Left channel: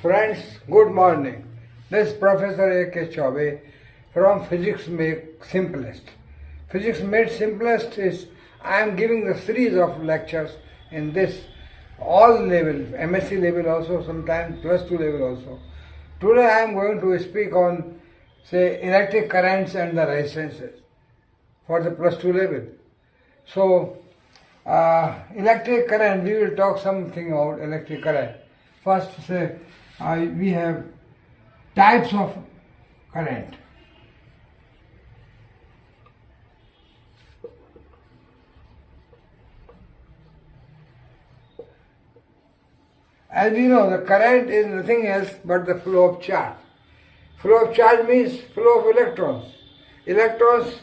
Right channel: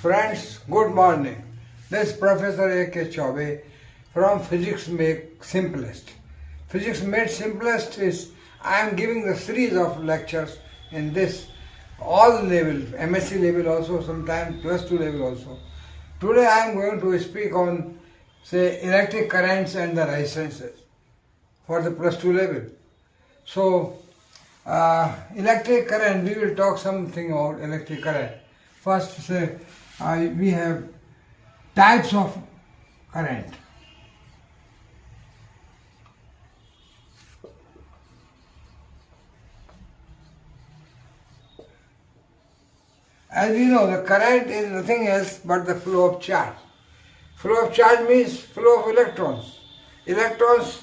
Friends, good morning. This is Professor A.K.chaubey from Physics Made Simplest. Physics Made Simplest is I am giving the series of lectures in this all level, MSc level also, sometimes plus 2 level also. Today I am going to speak on say electric currents and the resistances for the plus 2 level. So electric current, we will talk something about electric current. First say we have types of current. As we know, the current is nothing else but the flow of charge. Flow of charge means flow of electrons. Electrons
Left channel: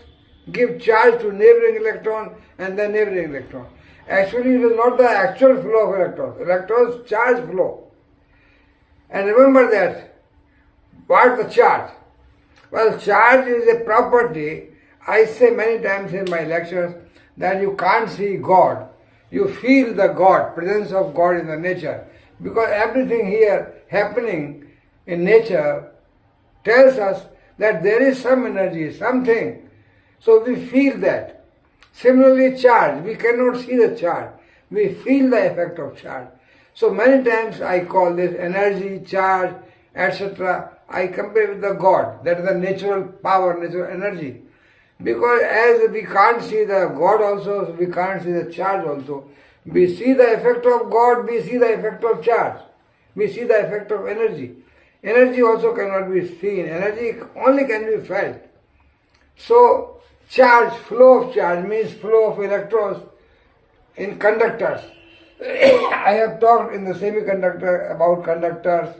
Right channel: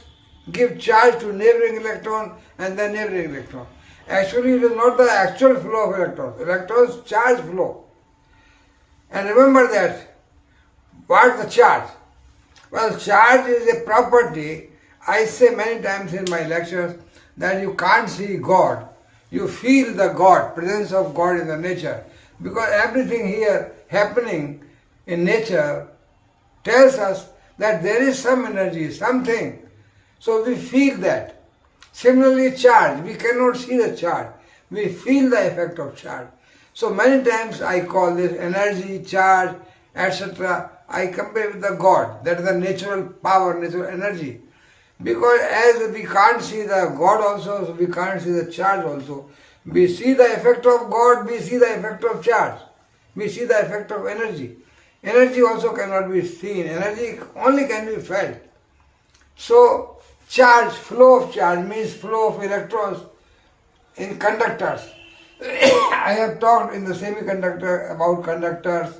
give charge to neighboring electron and the neighboring electron. Actually, it is not the actual flow of electrons. Electrons charge flow. And remember that, what the charge? Well, charge is a property. I say many times in my lectures that you can't see God. You feel the God, presence of God in the nature. Because everything here happening in nature tells us that there is some energy, something. So we feel that. Similarly, charge, we cannot see the charge. We feel the effect of charge. So many times I call this energy, charge, etc. I compare with the God, that is the natural power, natural energy. Because as we can't see the God also, we can't see the charge also. We see the effect of God, we see the effect of charge. We see the effect of energy. Energy also cannot be seen. Energy only can be felt. So charge, flow of charge means flow of electrons in conductors. I have talked in the semiconductor about conductors,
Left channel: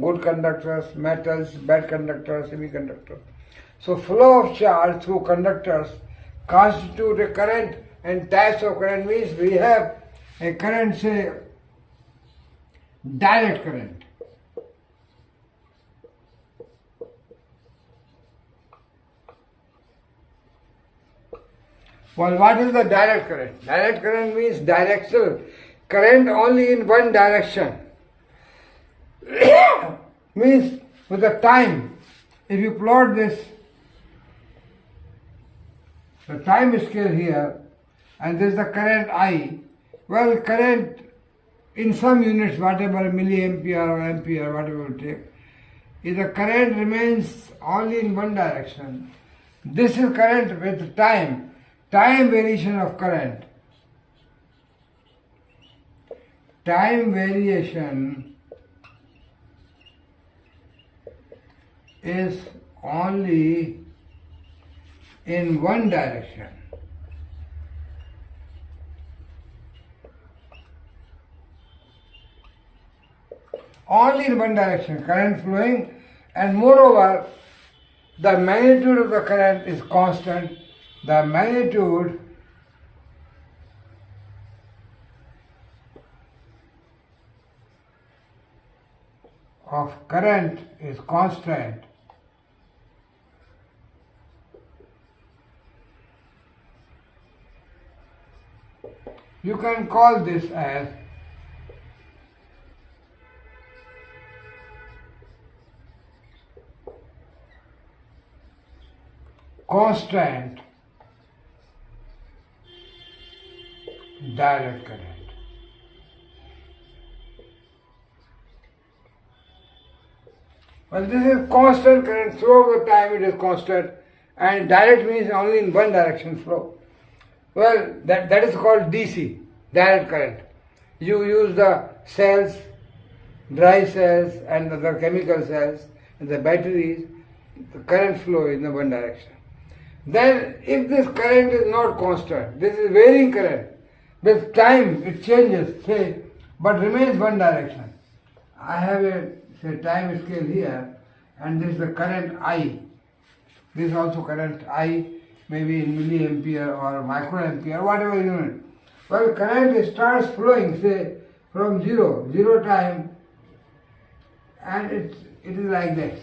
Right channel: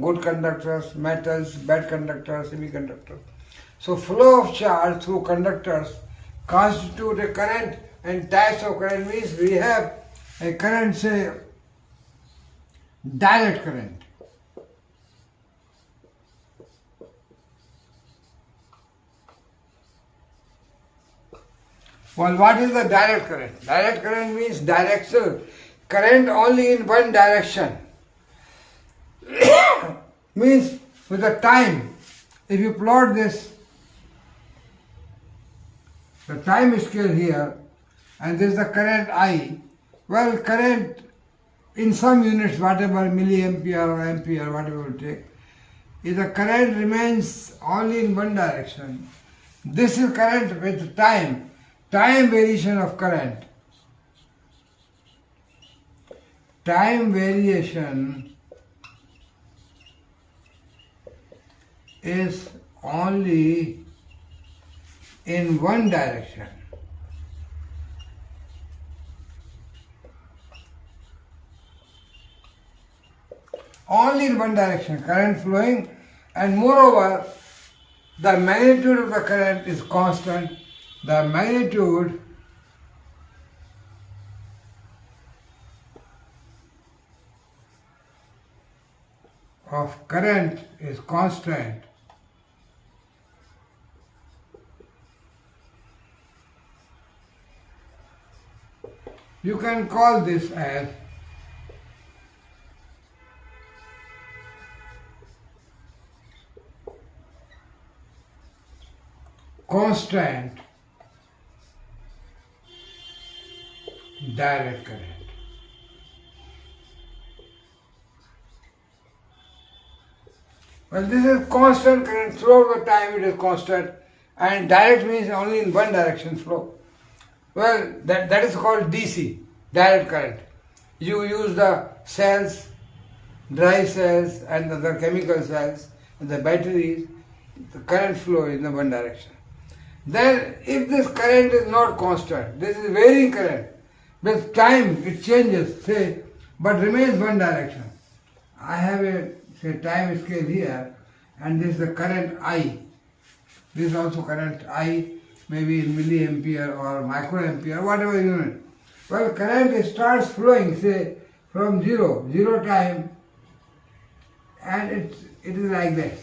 good conductors, metals, bad conductors, semiconductors. So flow of charge through conductors constitute a current, and types of current means we have a current, say direct current. Well, what is the direct current? Direct current means directional current only in one direction. Means with the time, if you plot this, the time scale here, and this is the current I. Well, current in some units, whatever milliampere or ampere, whatever you take, if the current remains only in one direction, this is current with time variation of current. Time variation is only in one direction. Only in one direction, current flowing, and moreover, the magnitude of the current is constant. The magnitude of current is constant. You can call this as constant direct current. Well, this is constant current throughout the time, it is constant, and direct means only in one direction flow. Well, that is called DC, direct current. You use the cells, dry cells and the chemical cells and the batteries, the current flow in the one direction. Then if this current is not constant, this is varying current, with time it changes, say, but remains one direction. I have a say time scale here, and this is the current I. This is also current I, maybe in milliampere or microampere, whatever unit. Well, current starts flowing, say, from zero time, and it is like this.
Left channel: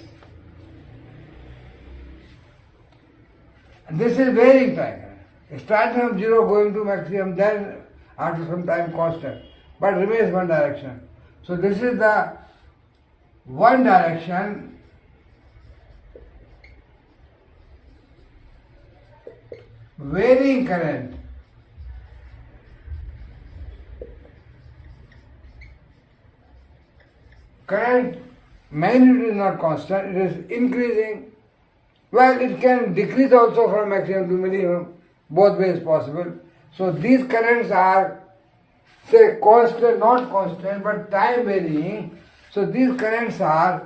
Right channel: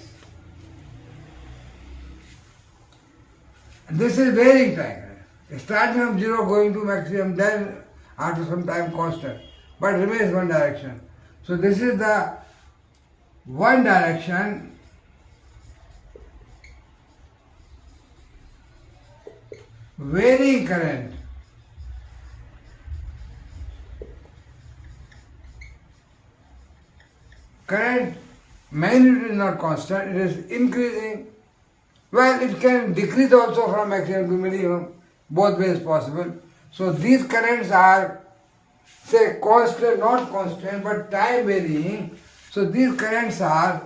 And this is varying time. Starting from zero, going to maximum, then after some time constant, but remains one direction. So this is the one direction varying current. Current magnitude is not constant, it is increasing. Well, it can decrease also from maximum to minimum, both ways possible. So these currents are, say, constant, not constant, but time varying. So these currents are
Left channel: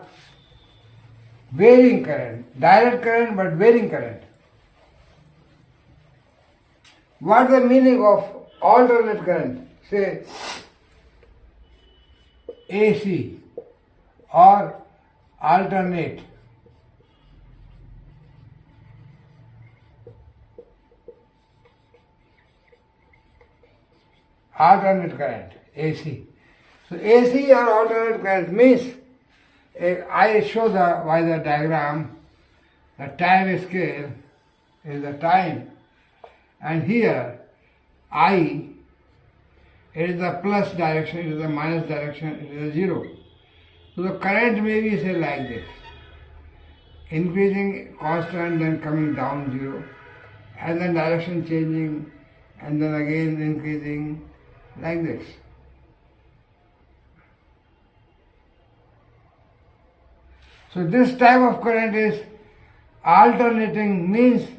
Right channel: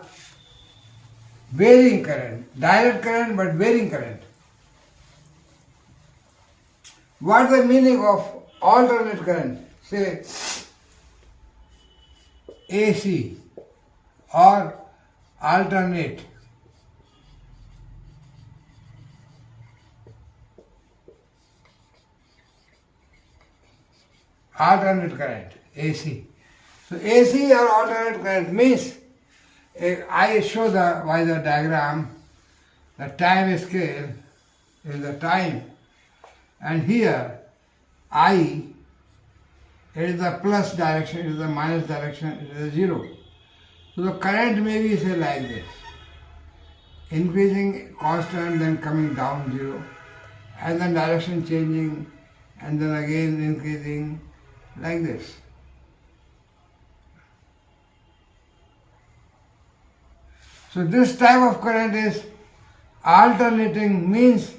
varying current, direct current but varying current. What is the meaning of alternate current? Say AC or alternate. Alternate current, AC. So AC or alternate current means, I show by the diagram, the time scale is the time, and here I, it is the plus direction, it is the minus direction, it is the zero. So the current may be say like this, increasing constant, then coming down zero, and then direction changing, and then again increasing like this. So this type of current is alternating, means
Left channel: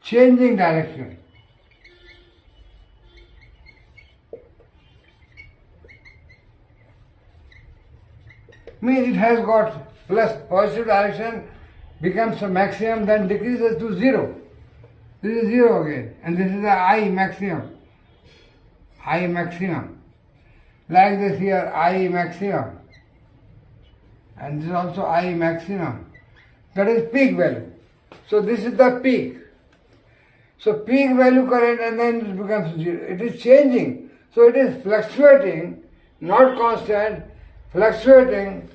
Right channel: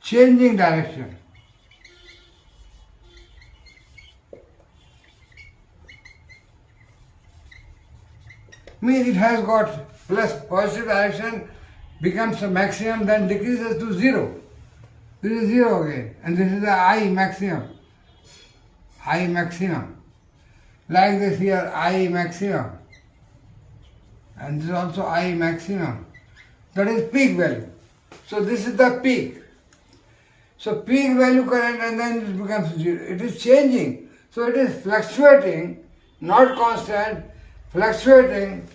changing direction. Means it has got plus positive direction, becomes a maximum, then decreases to zero. This is zero again, and this is the I maximum. I maximum. Like this here, I maximum. And this is also I maximum. That is peak value. So this is the peak. So peak value current, and then it becomes zero. It is changing. So it is fluctuating, not constant, fluctuating,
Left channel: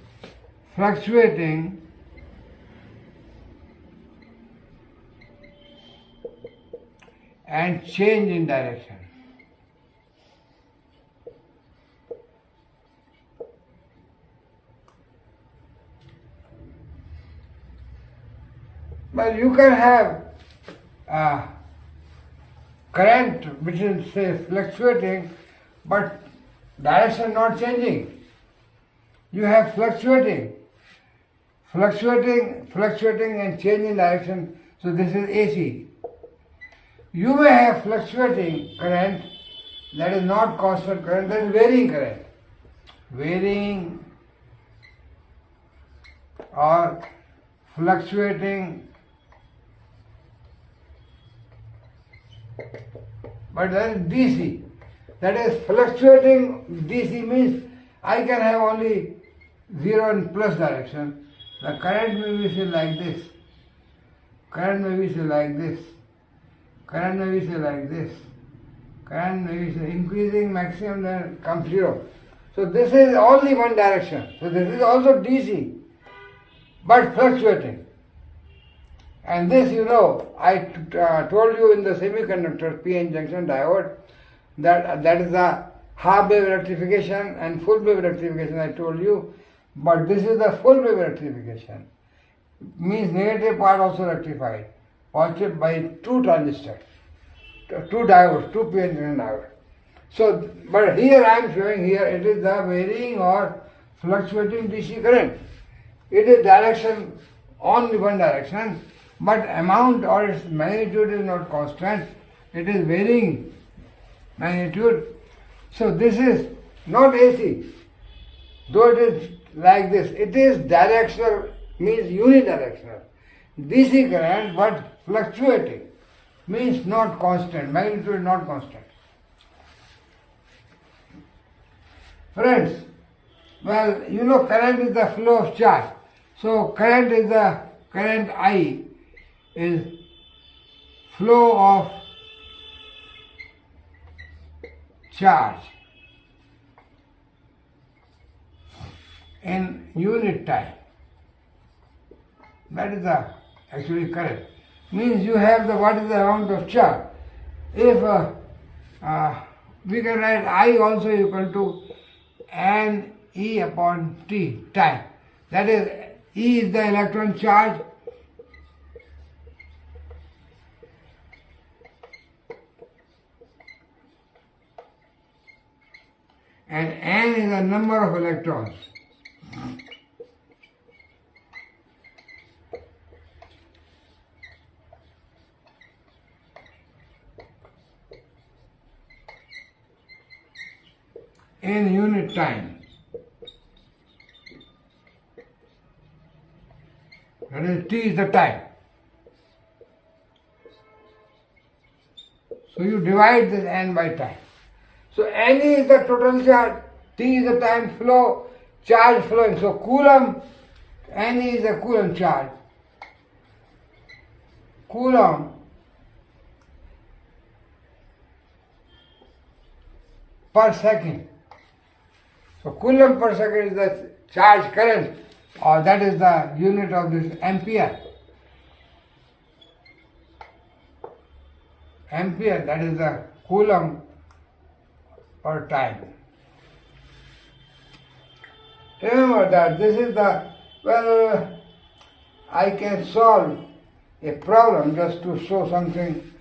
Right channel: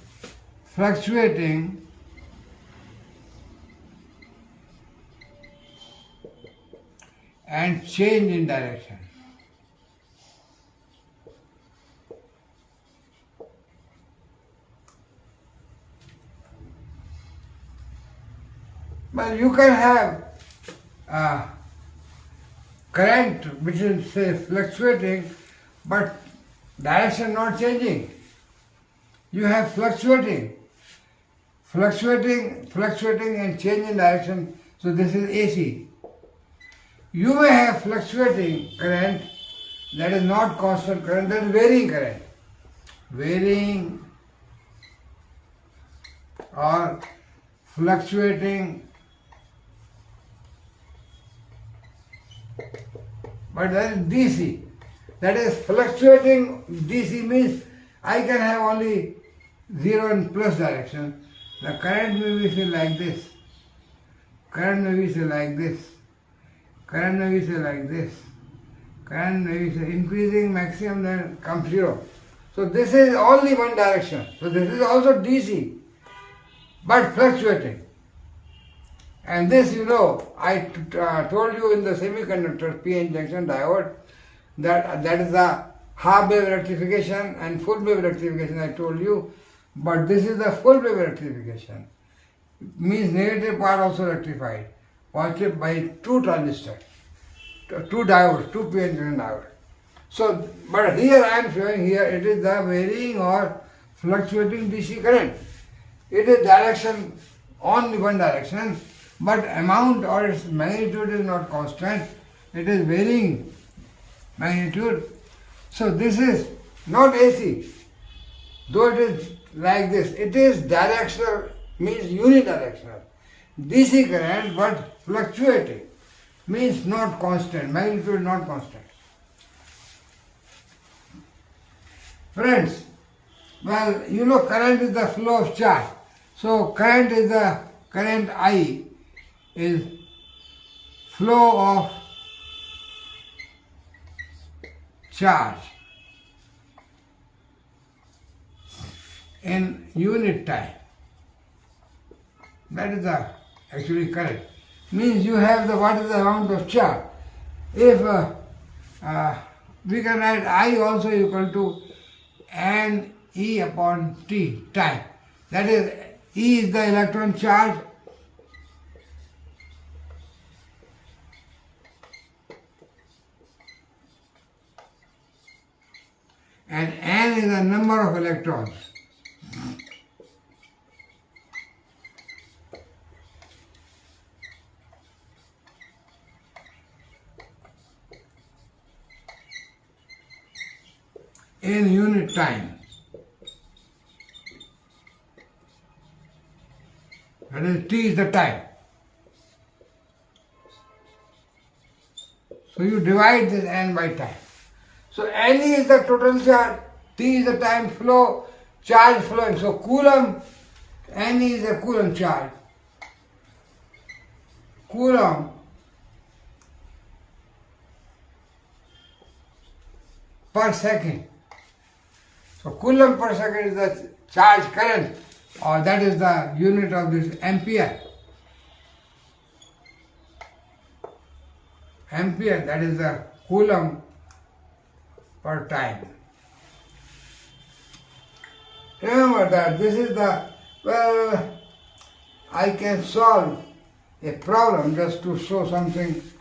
and change in direction. Well, you can have current which is, say, fluctuating, but direction not changing. You have fluctuating and change in direction. So this is AC. You may have fluctuating current, that is not constant current, that is varying current. Varying or fluctuating, but that is DC. That is fluctuating DC means I can have only zero and plus direction. The current may be say like this. Current may be say like this. Current may be say like this. Current may be say increasing maximum, then comes zero. So this is only one direction. So this is also DC, but fluctuating. And this, I told you in the semiconductor PN junction diode, that is the half wave rectification and full wave rectification, I told you. But this is the full wave rectification. Means negative part also rectified. Positive by two transistors, two diodes, two PN junction diodes. So, but here I am showing here it is the varying or fluctuating DC current. It is direction, only one direction, but amount or its magnitude is not constant. It is varying magnitude. So this is not AC, though it is like this. It is directional, means unidirectional. DC current, but fluctuating, means not constant, magnitude not constant. Friends, well, current is the flow of charge. So current I is flow of charge in unit time. That is the actually current. means you have the what is the amount of charge. If we can write I also equal to n E upon T, time. That is, E is the electron charge, and n is the number of electrons. In unit time. That is, T is the time. So you divide this n by time. So n is the total charge, T is the time flow, charge flowing. So Coulomb, n is the Coulomb charge. Coulomb per second. So Coulomb per second is the charge current, or that is the unit of this ampere. Ampere, that is the Coulomb per time. Remember that this is the, well, I can solve a problem just to show something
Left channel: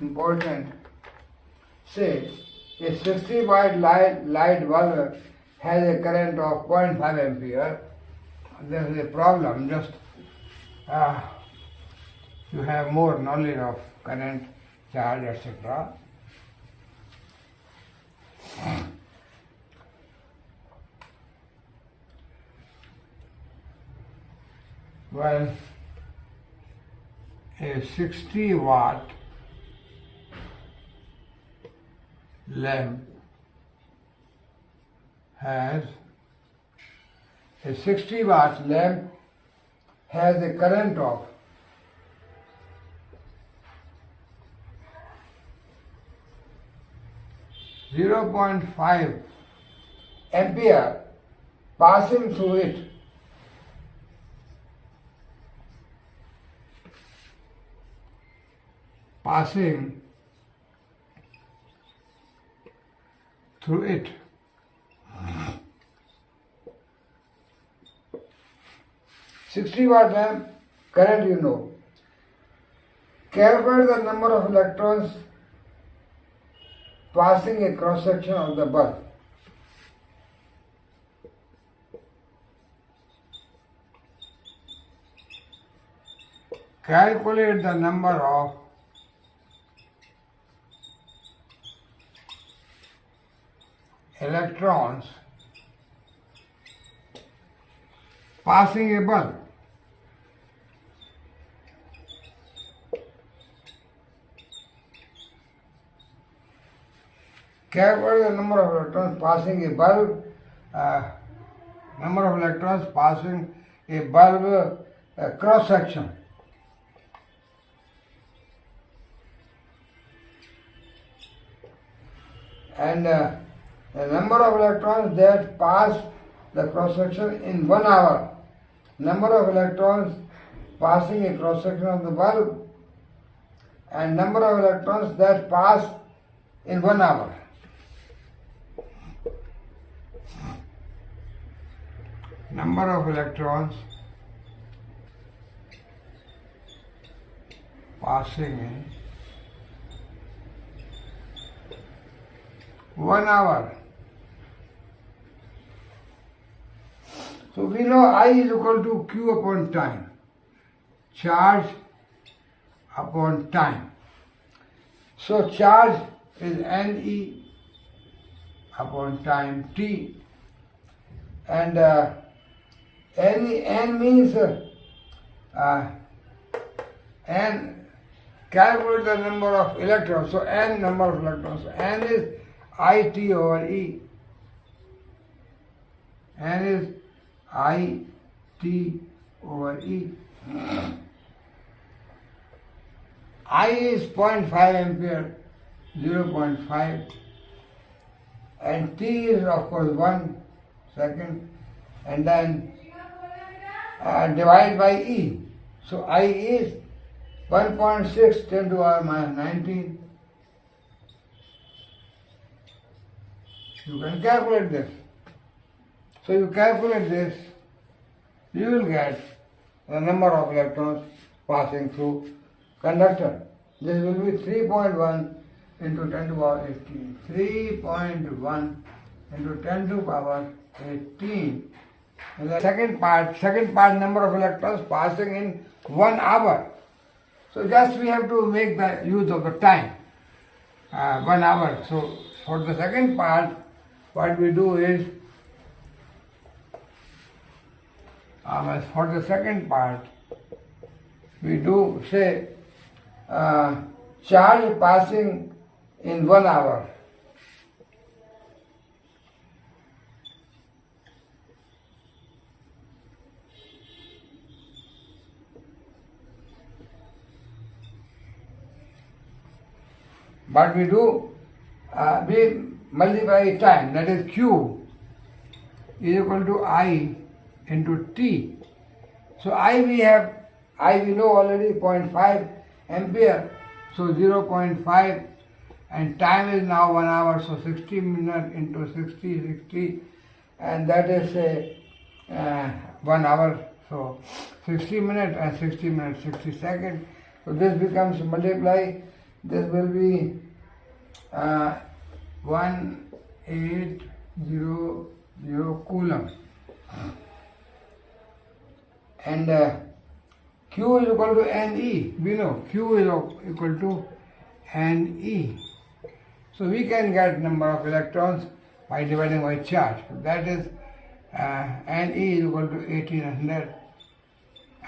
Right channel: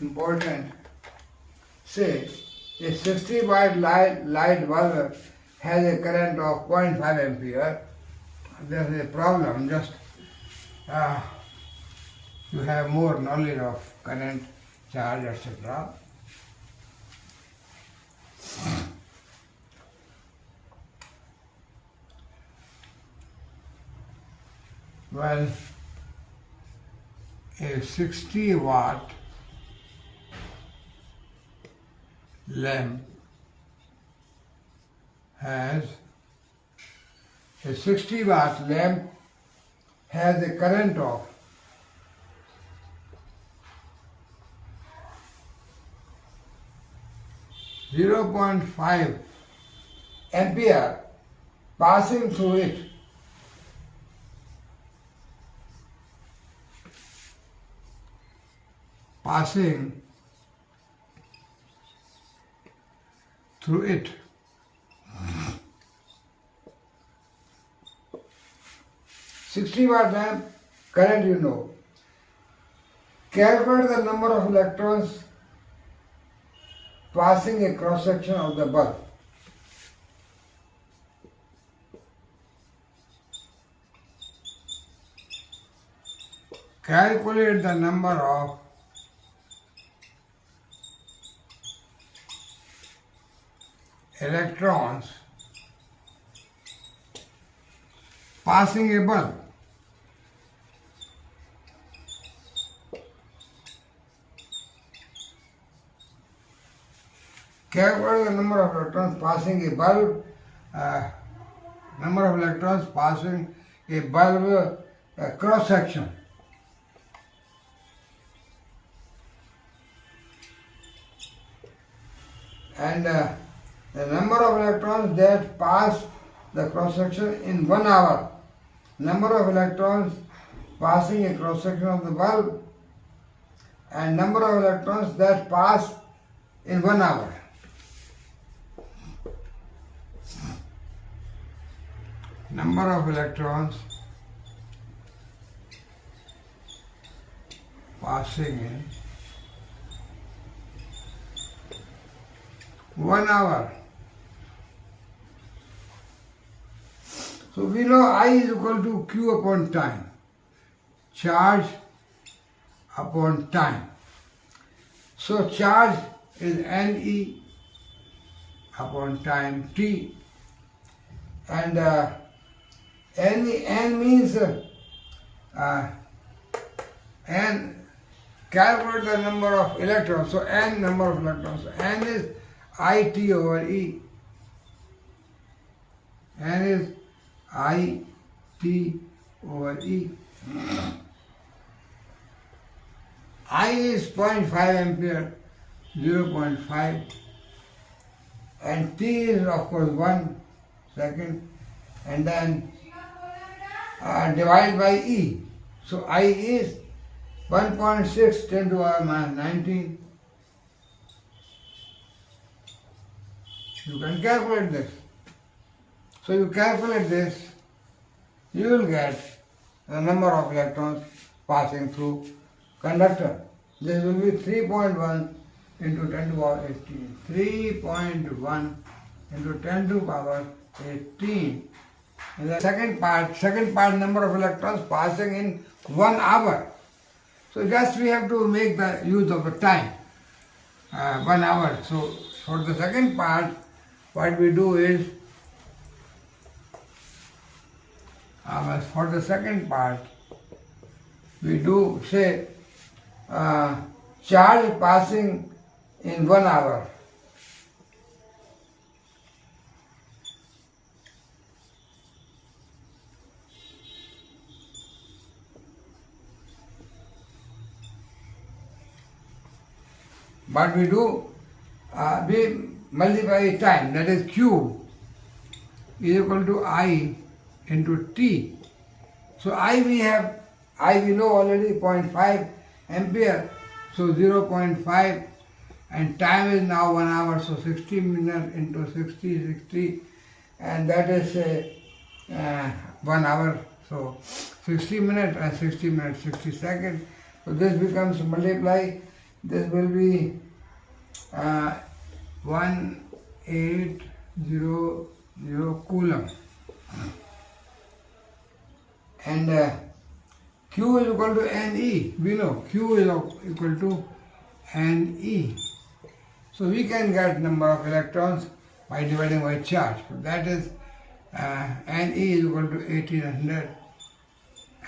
important. Say, a 60-watt light bulb has a current of 0.5 ampere. This is a problem, just to have more knowledge of current, charge, etc. Well, a 60-watt lamp has a 60-watt lamp has a current of 0.5 ampere passing through it. Passing through it. $60-watt lamp, current you know. Calculate the number of electrons passing a cross section of the bulb. Calculate the number of electrons passing a bulb. Calculate the number of electrons passing a bulb, number of electrons passing a bulb cross section. And the number of electrons that pass the cross section in 1 hour. Number of electrons passing a cross section of the bulb, and number of electrons that pass in 1 hour. Number of electrons passing in 1 hour. So we know I is equal to Q upon time, charge upon time. So charge is NE upon time T, and N means N, calculate the number of electrons. So N number of electrons. So N is IT over E. N is IT over E. I is 0.5 ampere, 0.5, and T is of course 1 second, and then divide by E. So I is 1.6 10 to the power minus 19. You can calculate this. So you calculate this, you will get the number of electrons passing through conductor. This will be 3.1 into 10 to the power 18. 3.1 into 10 to the power 18. And the second part number of electrons passing in 1 hour. So just we have to make the use of the time, 1 hour. So for the second part, what we do is, for the second part, we do say charge passing in 1 hour. But we do, we multiply time, that is Q is equal to I into T. So I we know already 0.5 ampere, so 0.5, and time is now 1 hour, so 60 minutes into 60, and that is 1 hour, so 60 minutes and 60 minutes, 60 seconds. So this becomes multiply, this will be 1800 coulomb. And Q is equal to Ne. We know Q is equal to Ne. So we can get number of electrons by dividing by charge. So that is Ne is equal to 1800,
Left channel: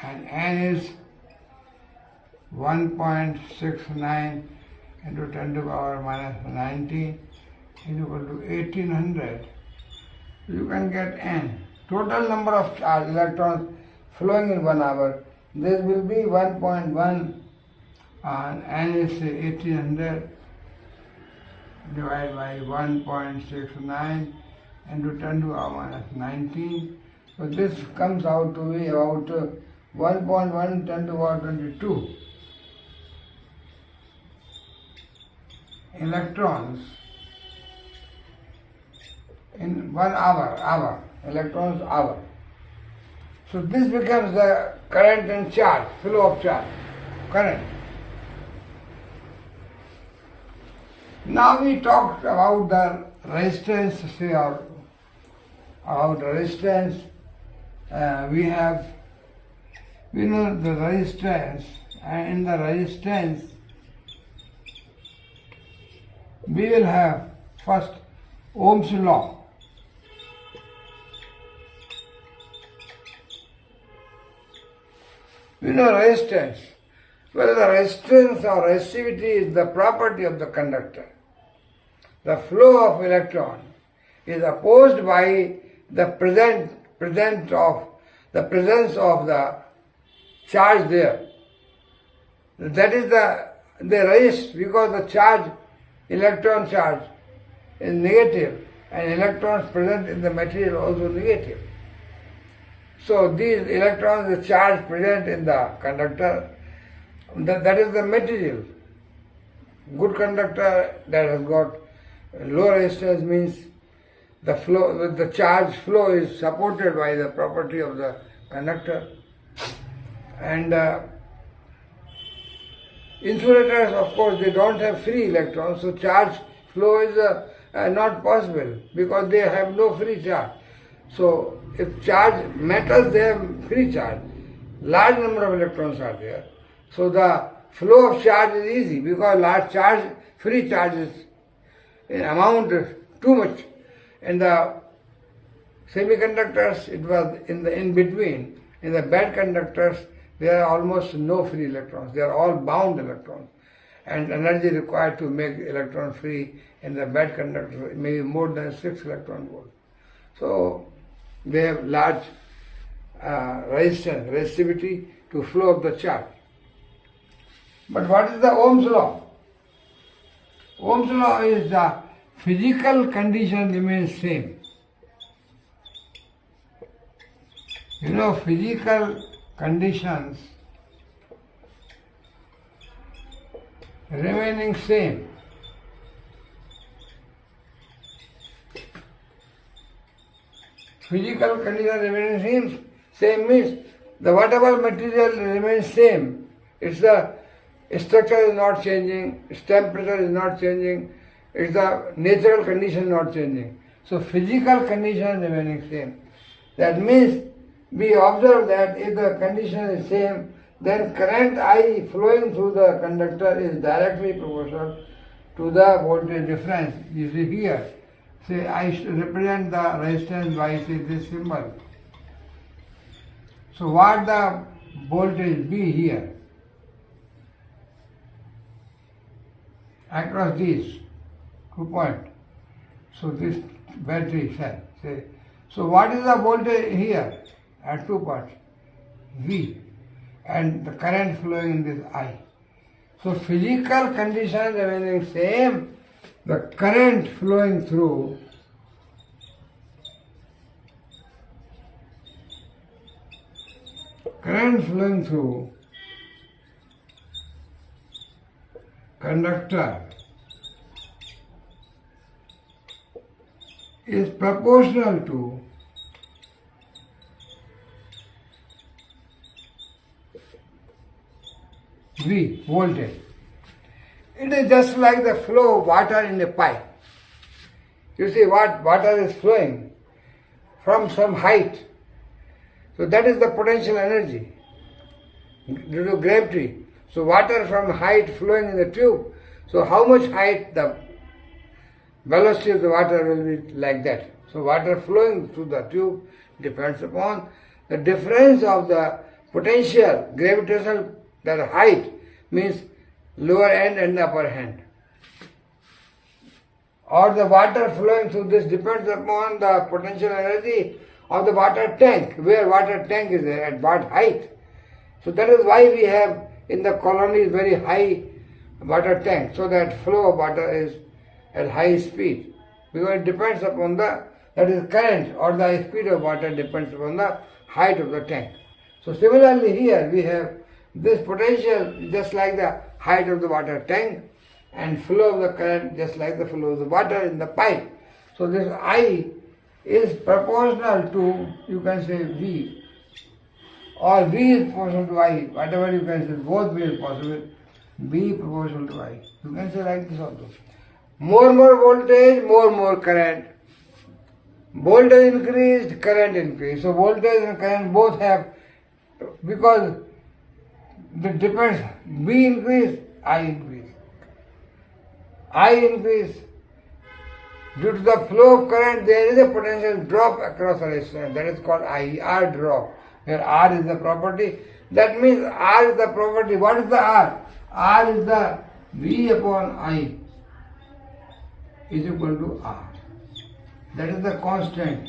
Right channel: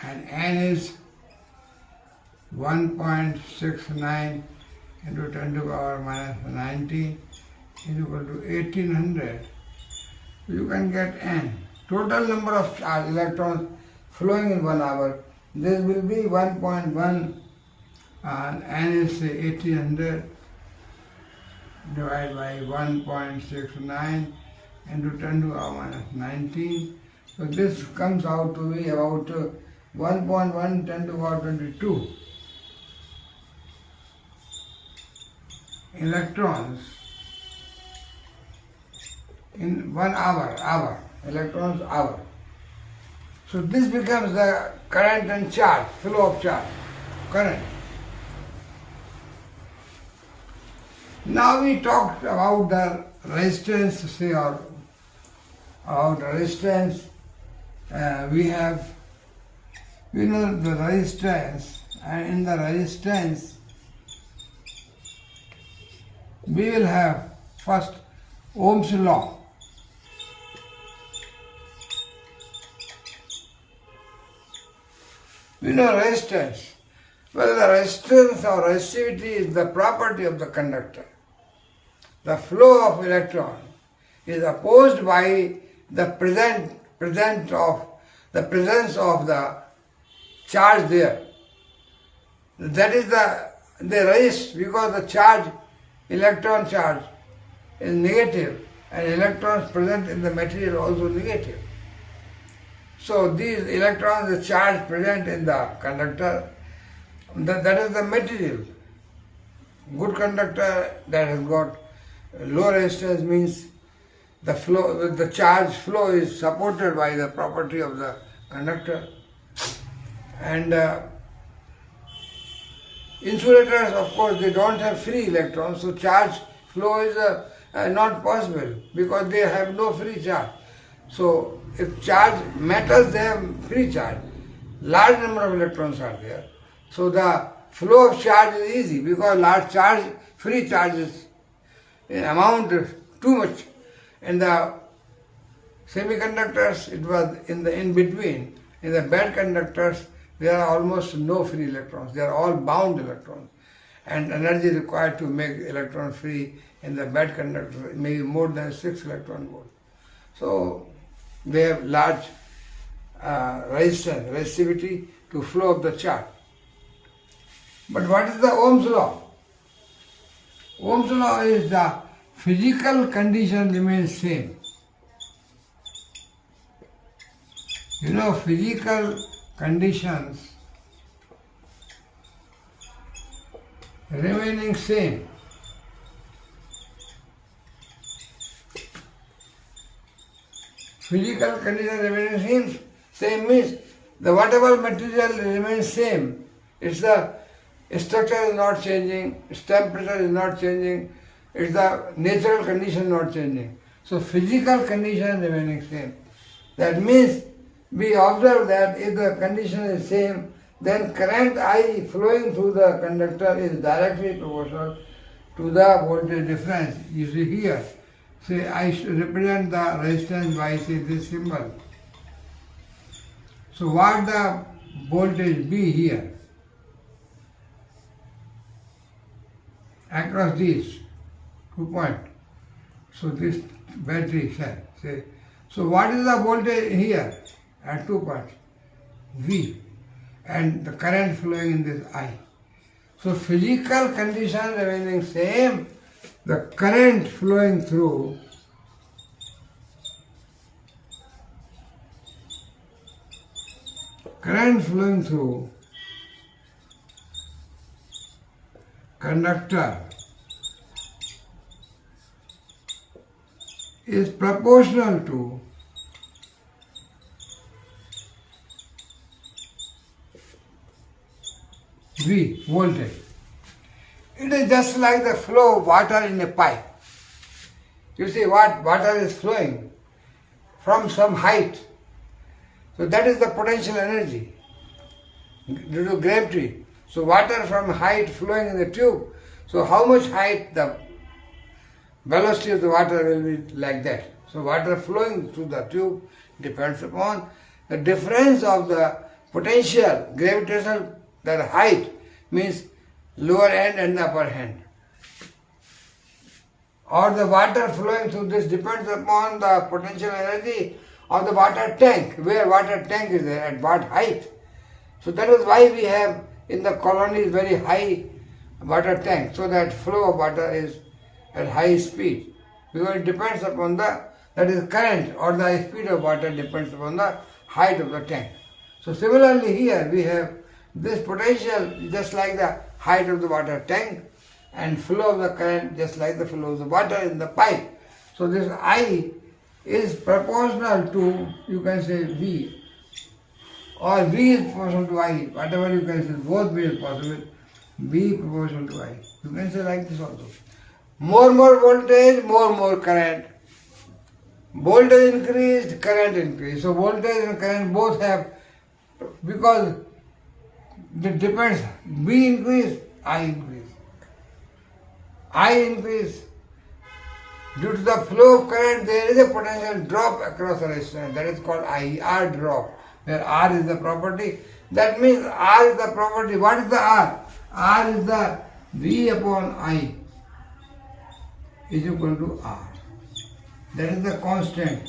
and N is 1.69 into 10 to the power minus 19 is equal to 1800. So you can get N. Total number of charge electrons flowing in 1 hour, this will be 1.1, and N is 1800 divided by 1.69 into 10 to the power minus 19. So this comes out to be about 1.1 10 to the power 22 electrons in 1 hour, electrons hour. So this becomes the current and charge, flow of charge, current. Now we talked about the resistance, say, or about resistance. We know the resistance, and in the resistance we will have first Ohm's law. We know resistance. Well, the resistance or resistivity is the property of the conductor. The flow of electron is opposed by the presence of the charge there. That is they resist because the charge, electron charge, is negative, and electrons present in the material also negative. So these electrons, the charge present in the conductor, that is the material. Good conductor that has got low resistance means the charge flow is supported by the property of the conductor. And insulators, of course, they don't have free electrons, so charge flow is not possible because they have no free charge. So if metals, they have free charge. Large number of electrons are there. So the flow of charge is easy because large charge, free charges amount too much. In the semiconductors, it was in between. In the bad conductors, there are almost no free electrons. They are all bound electrons. And energy required to make electron free in the bad conductor may be more than 6 electron volt. So they have large resistivity to flow of the charge. But what is the Ohm's law? Ohm's law is the physical condition remains same. You know, physical conditions remaining same. Physical condition remaining same means the whatever material remains same. Its the structure is not changing, its temperature is not changing, its the natural condition not changing. So physical condition remaining same. That means we observe that if the condition is same, then current I flowing through the conductor is directly proportional to the voltage difference. You see here, say I should represent the resistance by say this symbol. So what the voltage be here across these 2 points. So this battery cell, say. So what is the voltage here at 2 points? V, and the current flowing in this I. So physical condition remaining same, the current flowing through conductor is proportional to V, voltage. It is just like the flow of water in a pipe. You see what water is flowing from some height. So that is the potential energy due to gravity. So water from height flowing in the tube. So how much height the velocity of the water will be like that. So water flowing through the tube depends upon the difference of the potential, gravitational, that height means lower end and the upper hand. Or the water flowing through this depends upon the potential energy of the water tank, where water tank is there, at what height. So that is why we have in the colonies very high water tank, so that flow of water is at high speed. Because it depends upon the, that is current, or the speed of water depends upon the height of the tank. So similarly here we have this potential just like the height of the water tank, and flow of the current just like the flow of the water in the pipe. So this I is proportional to, you can say V, or V is proportional to I, whatever you can say, both ways possible, V proportional to I. You can say like this also. More voltage, more current. Voltage increased, current increased. So voltage and current both have, because it depends, V increase, I increase. I increase. Due to the flow of current, there is a potential drop across a resistance. That is called IR drop, where R is the property. That means R is the property. What is the R? R is the V upon I is equal to R. That is the constant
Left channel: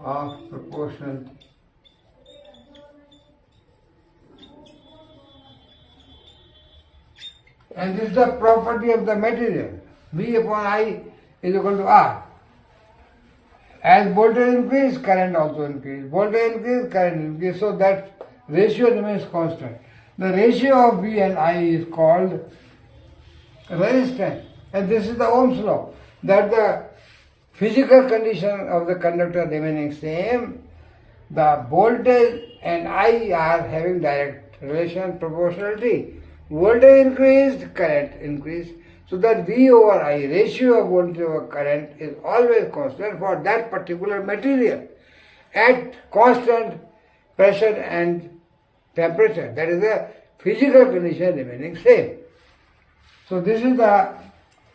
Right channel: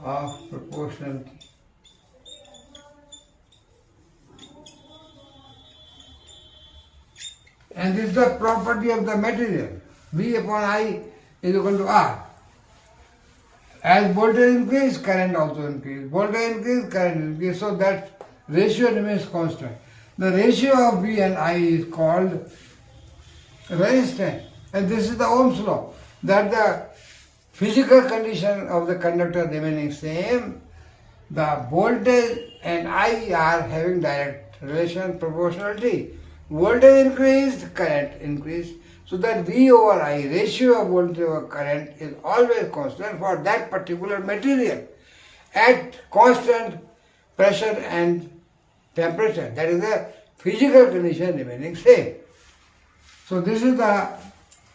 of proportionality. And this is the property of the material. V upon I is equal to R. As voltage increase, current also increase. Voltage increase, current increase. So that ratio remains constant. The ratio of V and I is called resistance. And this is the Ohm's law. That the physical condition of the conductor remaining same, the voltage and I are having direct relation, proportionality. Voltage increased, current increased. So that V over I, ratio of voltage over current, is always constant for that particular material at constant pressure and temperature. That is the physical condition remaining same. So this is the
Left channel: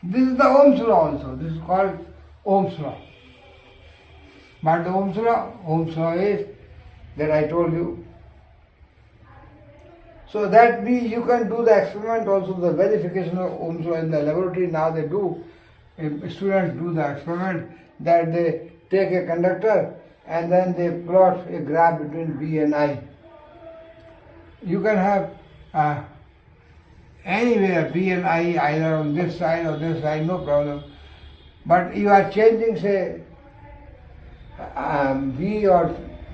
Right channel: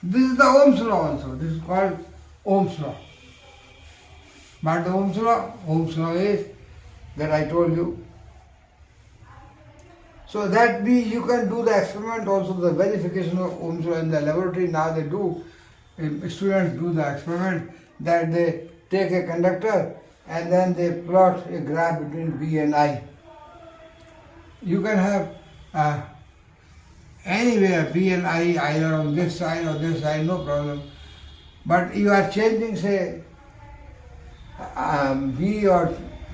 Ohm's law also. This is called Ohm's law. But the Ohm's law is that I told you. So that you can do the experiment also, the verification of Ohm's law in the laboratory. Now they do, students do the experiment that they take a conductor and then they plot a graph between V and I. You can have anywhere V and I either on this side or this side, no problem. But you are changing, say, V or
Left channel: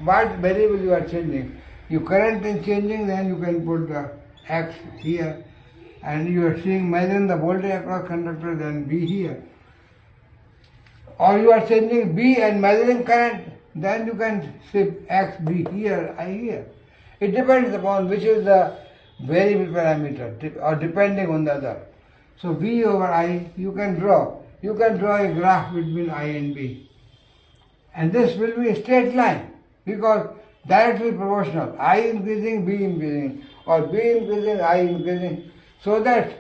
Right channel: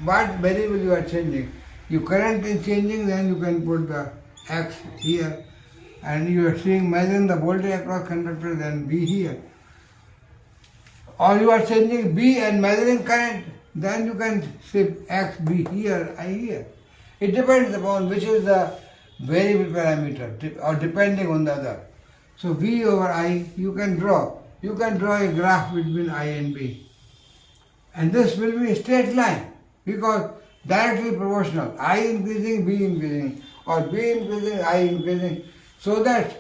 what variable you are changing. your current is changing, then you can put the X here, and you are seeing measuring the voltage across conductor, then B here. Or you are changing B and measuring current, then you can say X, B here, I here. It depends upon which is the variable parameter or depending on the other. So V over I you can draw. You can draw a graph between I and B. And this will be a straight line because directly proportional. I increasing, B increasing, or B increasing, I increasing. So that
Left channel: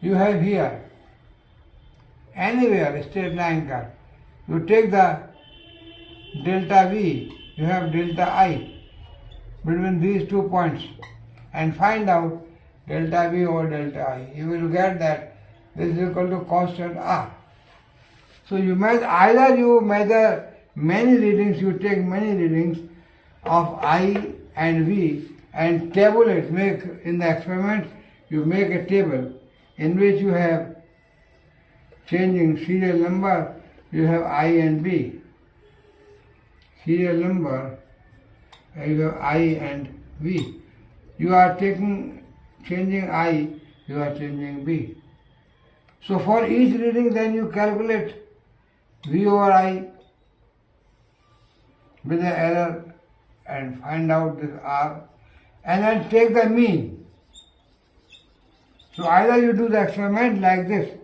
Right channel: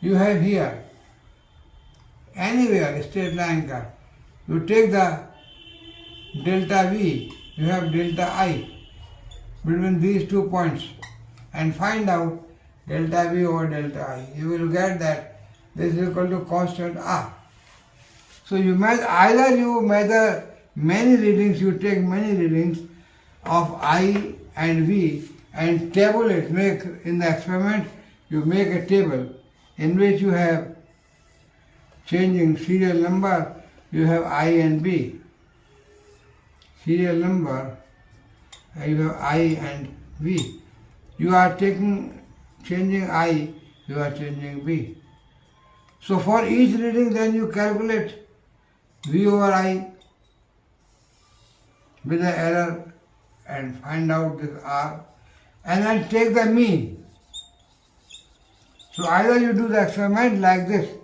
you have here anywhere a straight line curve. You take the delta V, you have delta I between these 2 points and find out delta V over delta I. You will get that this is equal to constant R. So you measure, either you measure many readings, you take many readings of I and V and tabulate, make in the experiment, you make a table in which you have changing serial number, you have I and B. Serial number, you have I and V. You are changing I, you are changing B. So for each reading then you calculate V over I with the error and find out this R and then take the mean. So either you do the experiment like this,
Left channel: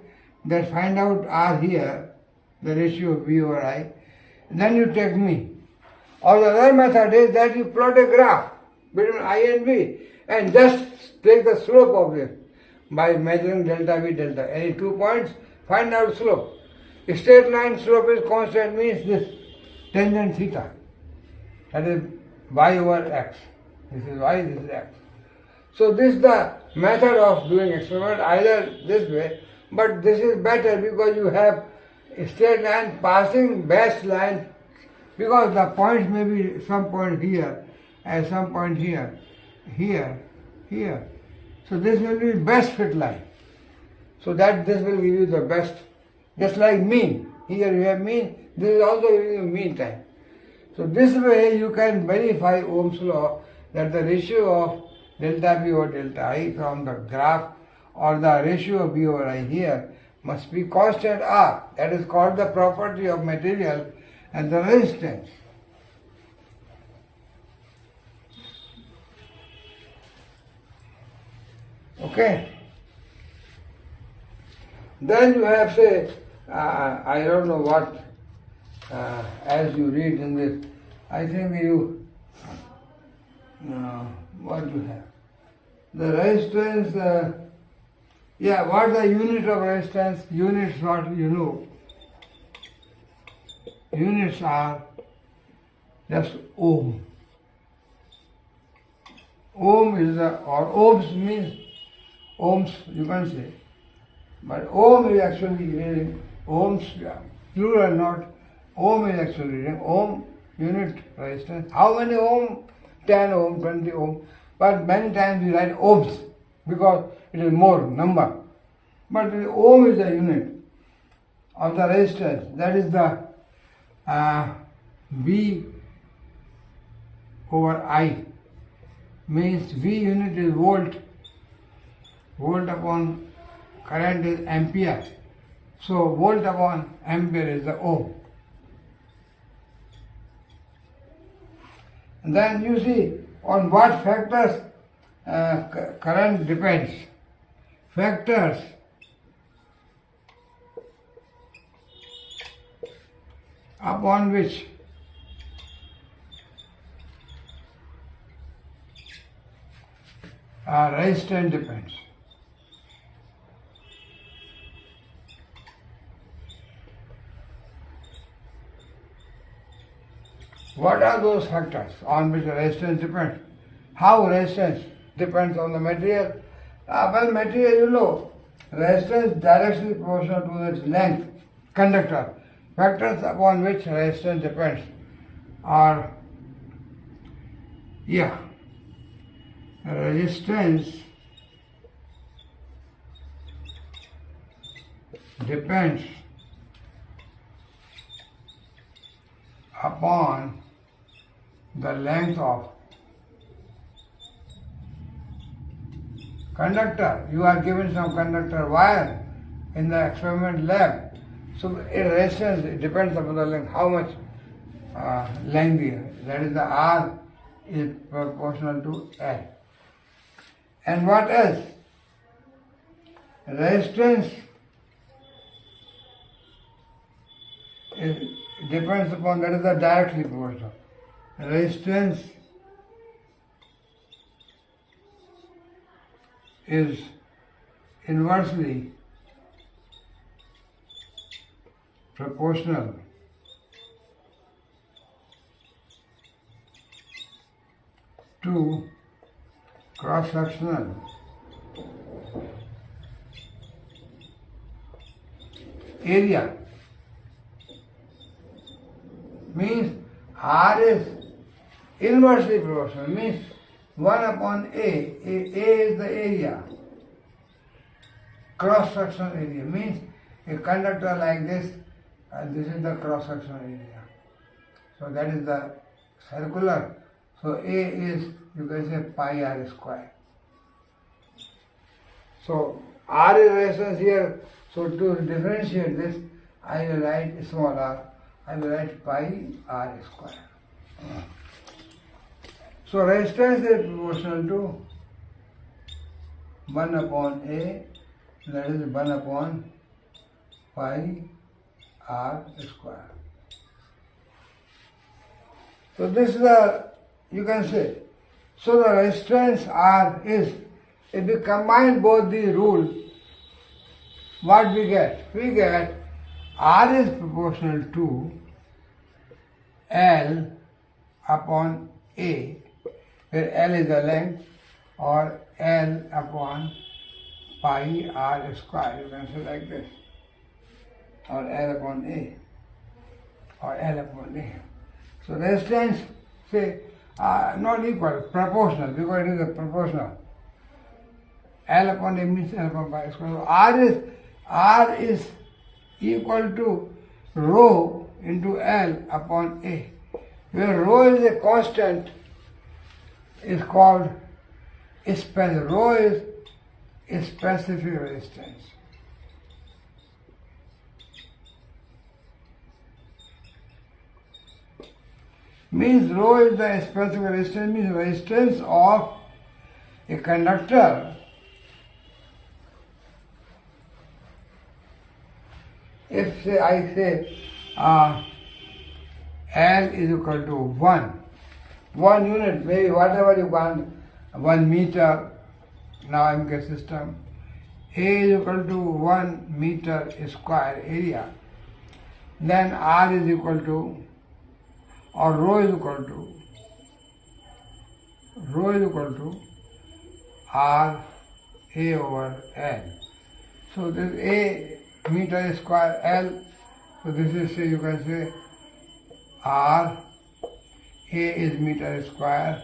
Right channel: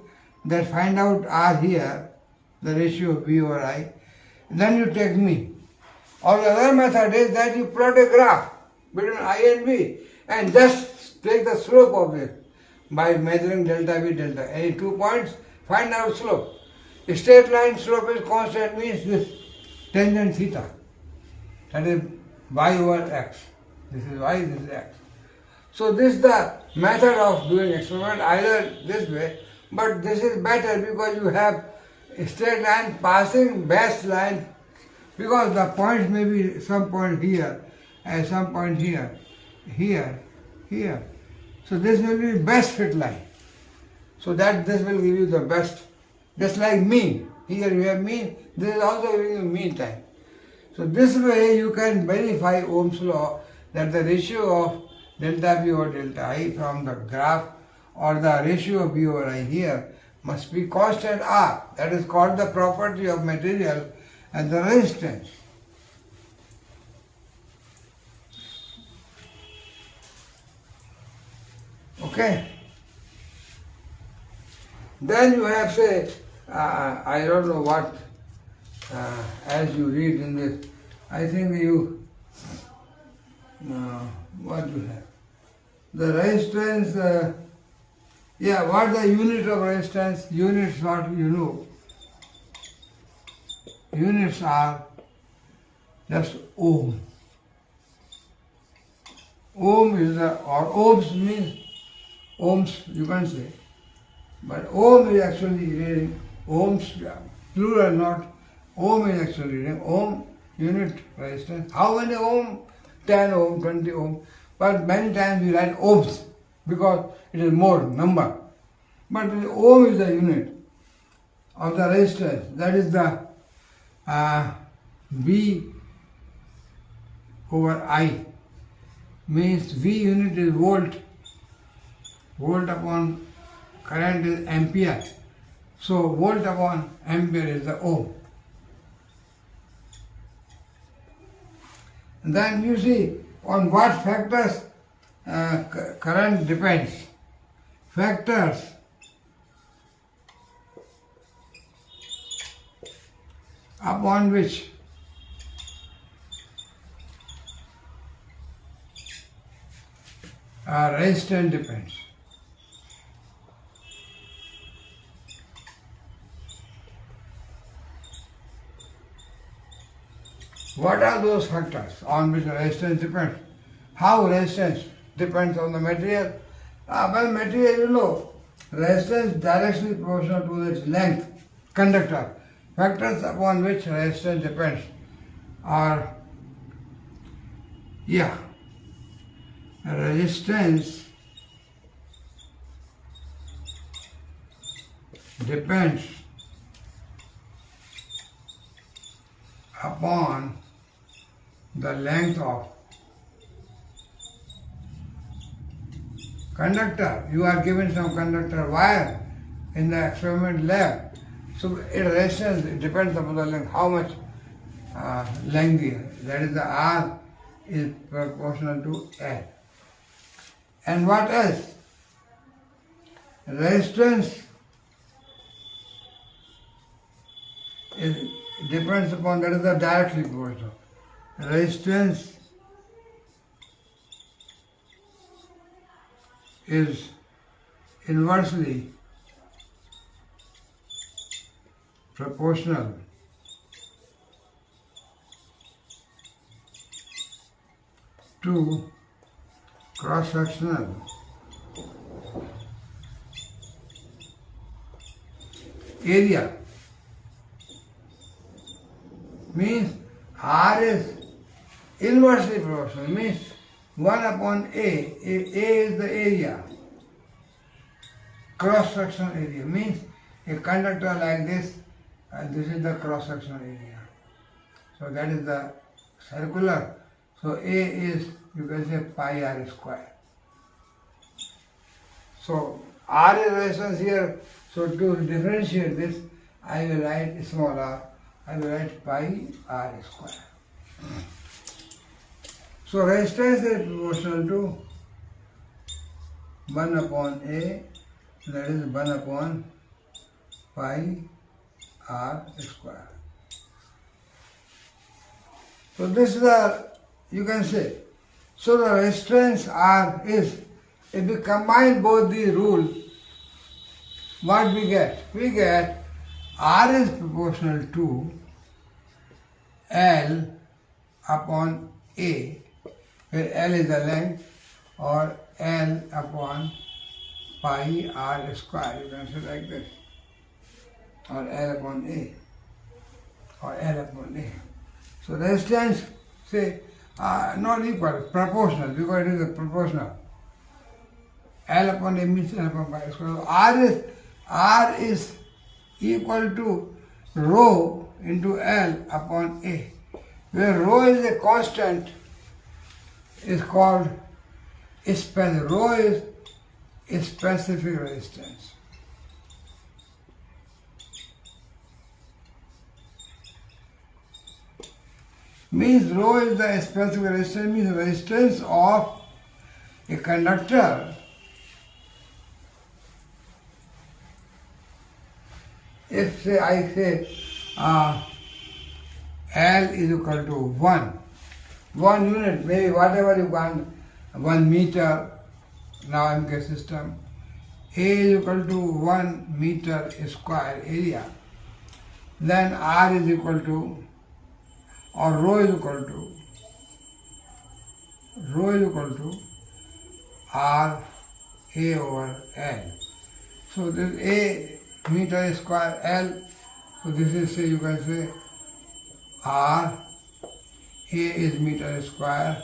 that find out R here, the ratio of V over I, then you take mean. Or the other method is that you plot a graph between I and V and just take the slope of this by measuring delta V, delta. Any 2 points, find out slope. A straight line slope is constant means this tangent theta. That is y over x. This is y, this is x. So this is the method of doing experiment, either this way, but this is better because you have a straight line passing best line, because the points may be some point here and some point here, here, here. So this will be best fit line. So that this will give you the best, just like mean. Here you have mean, this is also giving you mean time. So this way you can verify Ohm's law that the ratio of delta V over delta I from the graph or the ratio of V over I here must be constant R. That is called the property of material and the resistance. Okay. Then you have say, I don't know what, as you read in this, I think you, what you have? The resistance, what the unit of resistance? Units what you know. Units are just ohm. Ohm is or ohms means ohms you can say, but ohm is actually reading ohms, plural not. Ohm is actually reading ohm unit resistance. How many ohm? 10 ohm, 20 ohm. But many times we write ohms because it is more number. But ohm is the unit of the resistance. That is the V over I. Means V unit is volt. Volt upon current is ampere. So volt upon ampere is the ohm. And then you see on what factors current depends. Factors upon which resistance depends. What are those factors on which resistance depends? How resistance depends on the material? Well, material, you know, resistance directly proportional to its length, conductor. Factors upon which resistance depends are, resistance depends upon the length of conductor. You are given some conductor wire in the experiment lab. So resistance, it depends upon the length, how much length here. That is the R is proportional to L. And what else? Resistance depends upon, that is the directly proportional. Resistance is inversely proportional to cross-sectional area. Means R is inversely proportional, means 1 upon A. A is the area. Cross-sectional area means a conductor like this, and this is the cross-sectional area. So that is the circular. So A is, you can say, pi R square. So R is resistance here. So to differentiate this, I will write small r. I will write pi R square. So resistance is proportional to 1 upon A, that is 1 upon pi R square. So this is the, you can say, so the resistance R is, if we combine both these rules, what we get? We get R is proportional to L upon A, where L is the length, or L upon pi R square, you can say like this, or L upon A, or L upon A. So resistance, say, not equal, proportional, because it is a proportional. L upon A means L upon pi square. So R is equal to rho into L upon A, where rho is a constant, is called specific. Rho is a specific resistance. Means rho is the specific resistance, means resistance of a conductor if say I say L is equal to 1 unit, maybe whatever you want, 1 meter, now MK system, A is equal to 1 meter square area, then R is equal to, or rho is equal to R A over L. So this A meter square L, so this is, say, you can say R, A is meter square,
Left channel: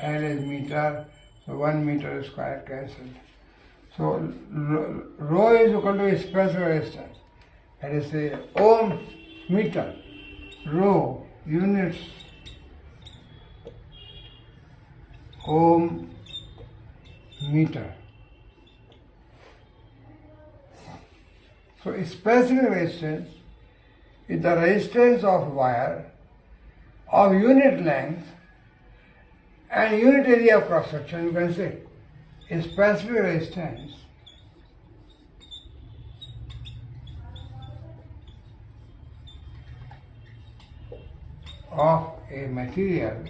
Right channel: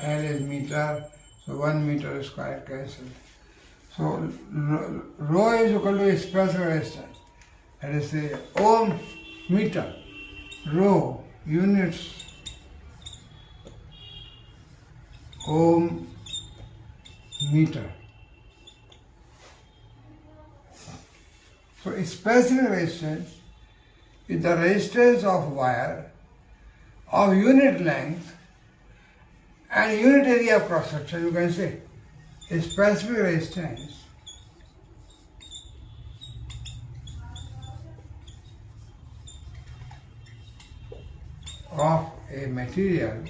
L is meter, so 1 meter square cancelled. So rho is equal to specific resistance, that is, say, ohm meter, rho units, ohm meter. So specific resistance is the resistance of wire of unit length and unit area of cross section, you can say. A specific resistance of a material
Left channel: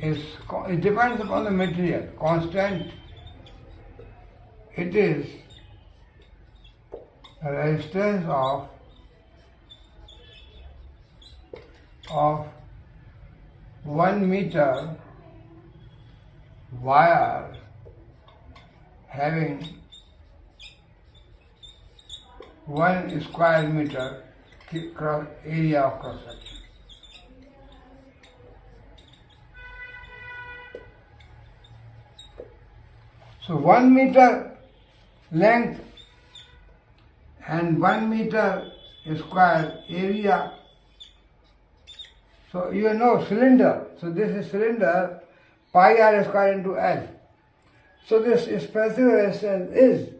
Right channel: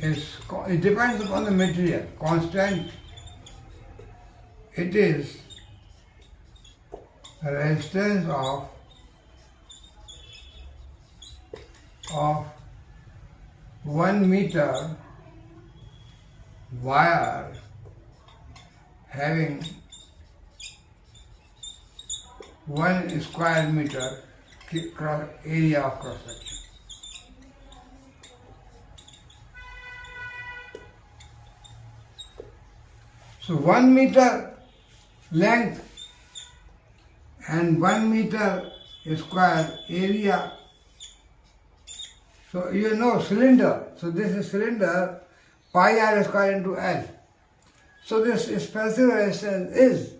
is, it depends upon the material, constant. It is the resistance of 1 meter wire having 1 square meter area of cross section. So 1 meter length and 1 meter square area. So you know cylinder. So this is cylinder. pi r square into L. So this specific resistance is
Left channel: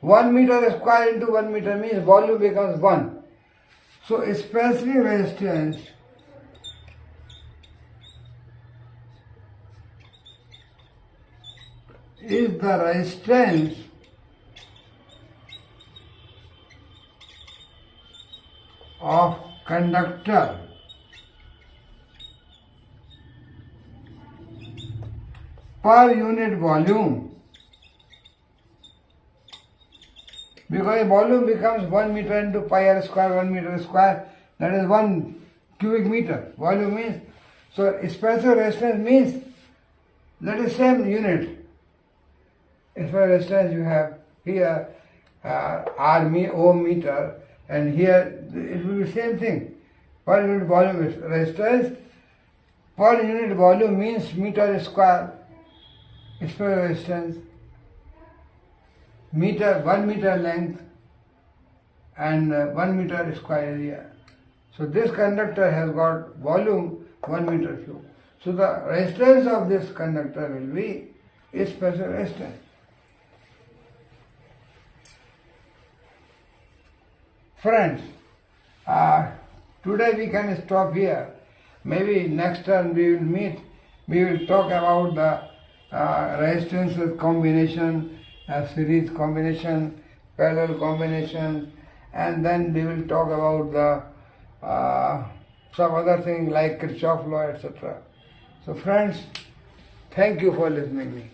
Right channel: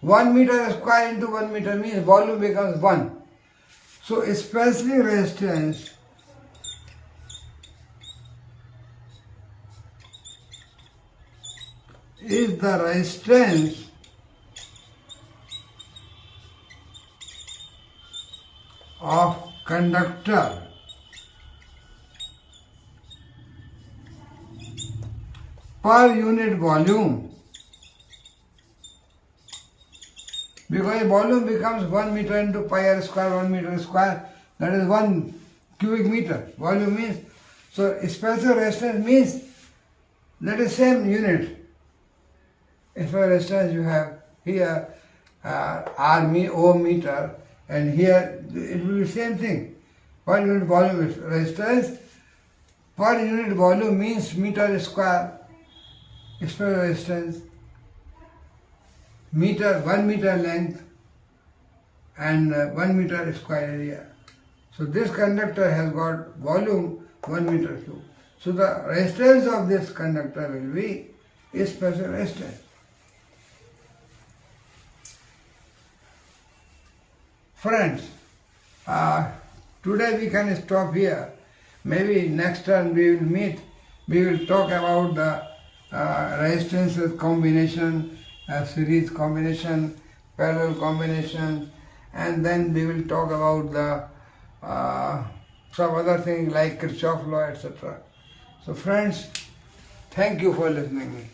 1 meter square into 1 meter means volume becomes 1. So specific resistance is the resistance of conductor per unit volume, because the volume becomes 1 meter into pi r square, 1 meter square, that is 1 cubic meter. Volume means, so specific resistance means that is same unit. If a resistance you have here O meter, and here it will be same thing. Per unit volume is resistance. Per unit volume means meter square. Specific resistance, meter, 1 meter length and 1 meter square area. So this conductor has got volume 1 meter cube. So the resistance of this conductor will be a specific resistance. Friends, today we can stop here. Maybe next time we will meet, we will talk about the resistances combination, series combination, parallel combination, and then we will talk about the some other things like Kirchhoff law, etc. So friends, thank you for listening to me.